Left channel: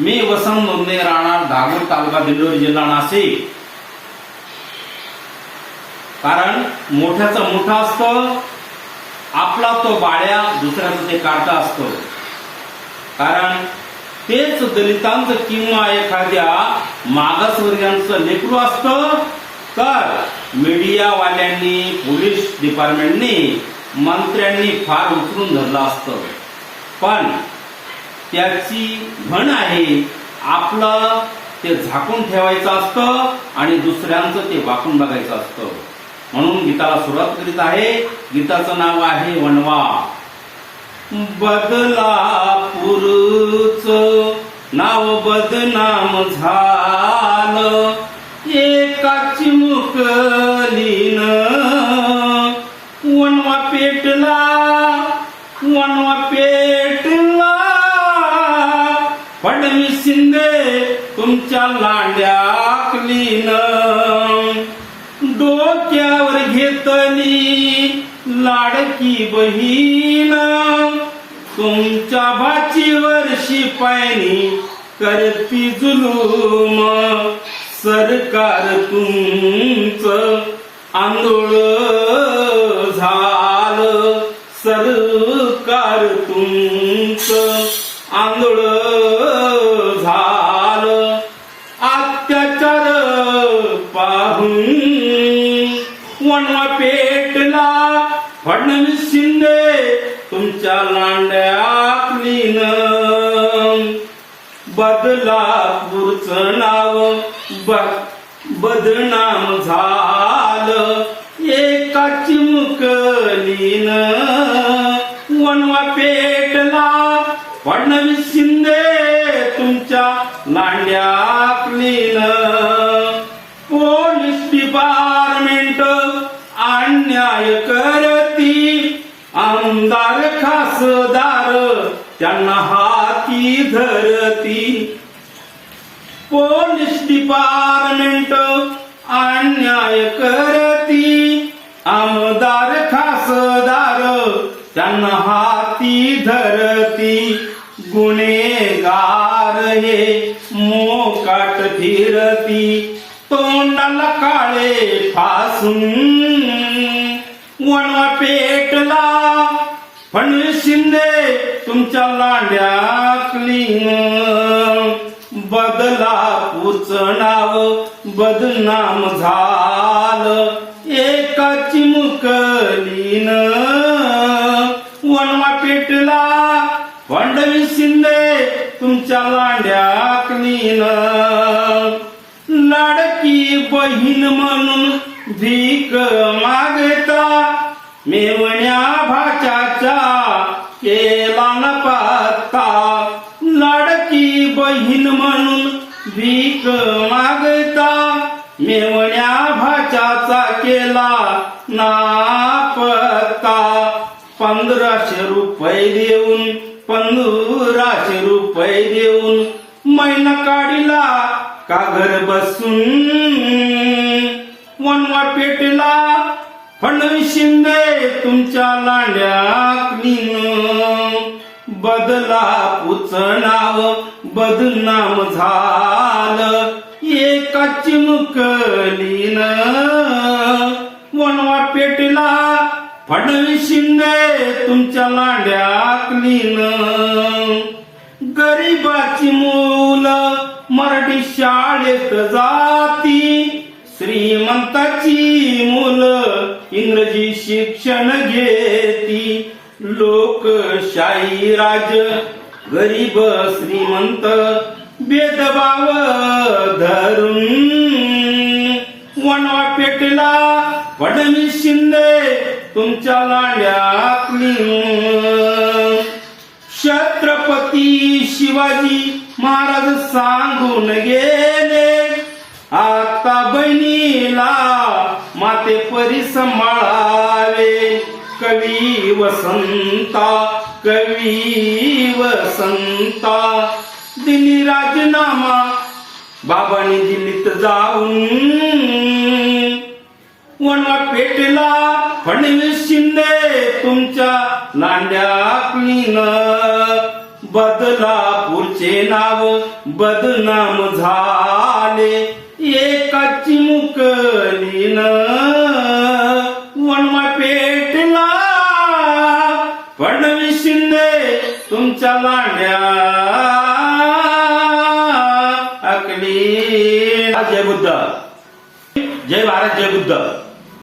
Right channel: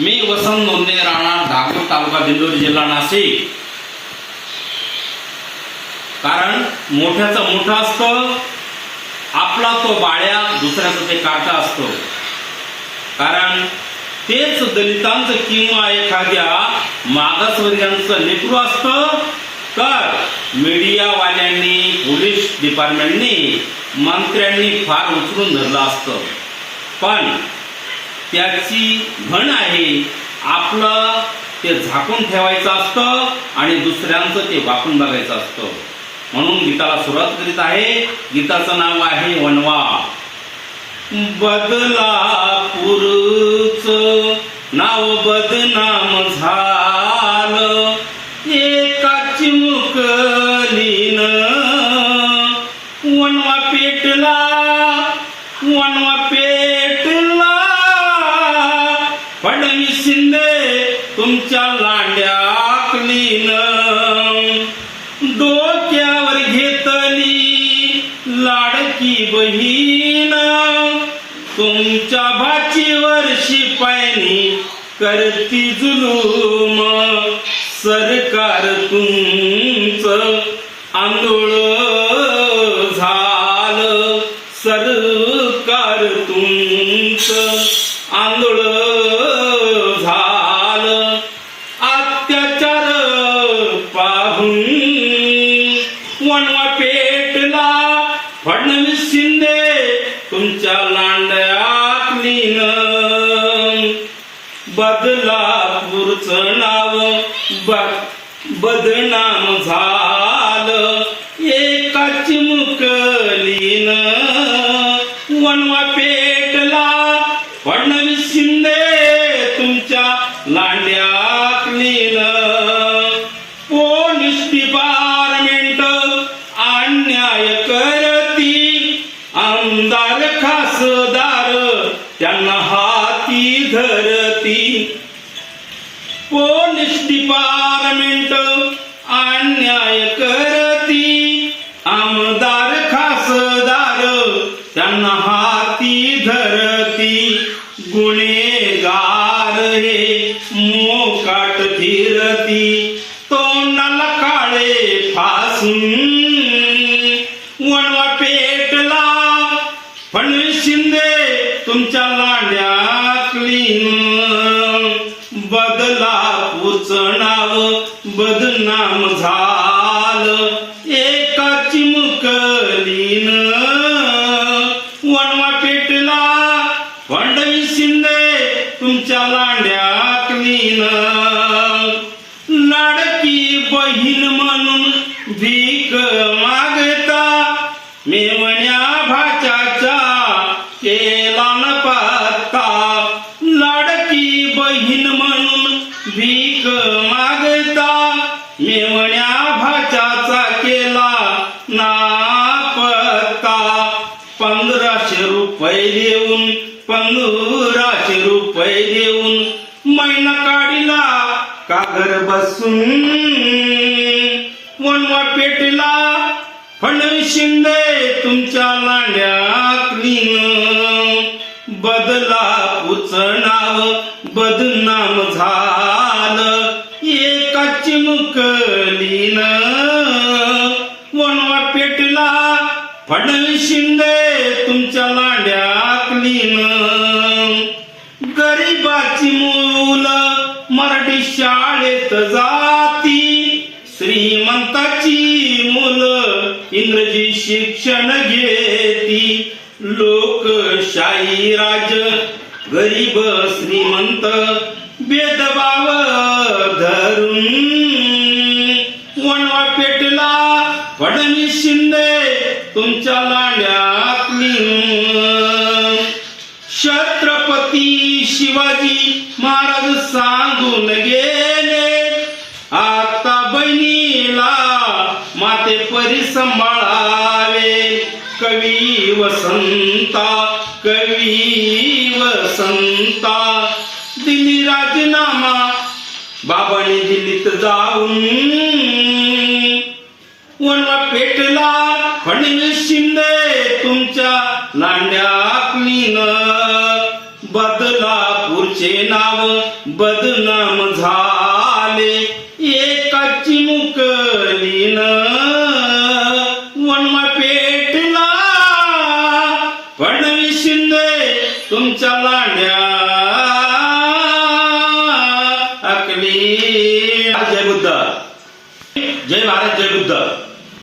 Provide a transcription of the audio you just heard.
मी वसंत नोंदणे, राहणार धागूर, तालुका दिंडोरी, जिल्हा नाशिक. कारण मोठ्याचं मोठं असतं, आपला तो बाळ्या, दुसऱ्याचं ते काटा असतो. कारण तेच दलितांचं किंवा एखाद्या मागासवर्गीयांचं लेकरू असतं, तर मीडियावाल्यांनी, पोलीस डिपार्टमेंटनी, मंत्र्यांनी फार उचलून धरलं असतं. पण त्याची म्हण आहे, आपलं ते झाकून ठेवायचं असतं आणि दुसऱ्यांचं ते वाकून बघायचं असतं. म्हणून गीताला सुरुवात करीत आहे. गीताचं नाव आहे वनवा. बदलापूरचं नाव बदनाम झालं, एका चिमुकलीन वनवा पेटला, वनवा पेटला. फडणवीस शिंदे तुमच्या लांड्याकलीन, डोक्यावर घेतली लाडकी बहीण, तुमच्या भाचीवर शिपायनी करती जुलूम. सरकार तुमचं आंदोळ झालं, सरकार तुमचं आंदोळ झालं. अत्याचार पाहून वनवा पेटला, फडणवीस शिंदे तुमच्या लांड्याकलीन. बदलापूरचं नाव बदनाम झालं, एका चिमुकलीन वनवा पेटला. फडणवीस शिंदे तुमच्या लांड्याकलीन. पोलीस डिपार्टमेंट अन्याय करती, आमदार खासदार त्यांना हाती धरती. पोलीस डिपार्टमेंट अन्याय करती, आमदार खासदार त्यांना हाती धरती. गुन्हेगार हे मोकाट फिरती, तोंडाला काळे फासून. वनवा पेटला, फडणवीस शिंदे तुमच्या लांड्याकलीन. बदलापूरचं नाव बदनाम झालं, एका चिमुकलीन वनवा पेटला. फडणवीस शिंदे तुमच्या लांड्याकलीन. लाडकी बहीण म्हणून भीक मागता, मेवण्या भाच्याच्या केला न पत्ता. लाडकी बहीण म्हणून भीक मागता, मेवण्या भाच्याचा केला ना पत्ता. 1500 रुपये देऊन, 1500 रुपये देऊन महिना काढिला का घर बसून. वनवा पेटला, फडणवीस शिंदे तुमच्या लांड्याकलीन. बदलापूरचं नाव बदनाम झालं, एका चिमुकलीन वनवा पेटला. फडणवीस शिंदे तुमच्या लांड्याकलीन. गरीबाची मुलं मराठी शाळेत जाती, श्रीमंताची मुलं इंग्रजी शिक्षण घेती. लोकशाही राज, गरीब श्रीमंत भेदभाव धरून. वनवा पेटला, फडणवीस शिंदे तुमच्या लांड्याकलीन. छत्रपती शिवाजी महाराज सांगून गेले, आता बहिणीला माते परी सांभाळावे. कवी वसंता, कवी वसंता दिल्ली राजीनामा बाबांनी दिल्लीत जाऊन. वनवा पेटला, फडणवीस शिंदे तुमच्या लांड्याकलीन. बदलापूर बापूचे नाव बदनाम झाले एकाची मुकलीन वनमा पेटला फडणवीस शिंदे तुमच्या लांड्या अकली. जय बुद्ध, जय भारत, जय बुद्ध.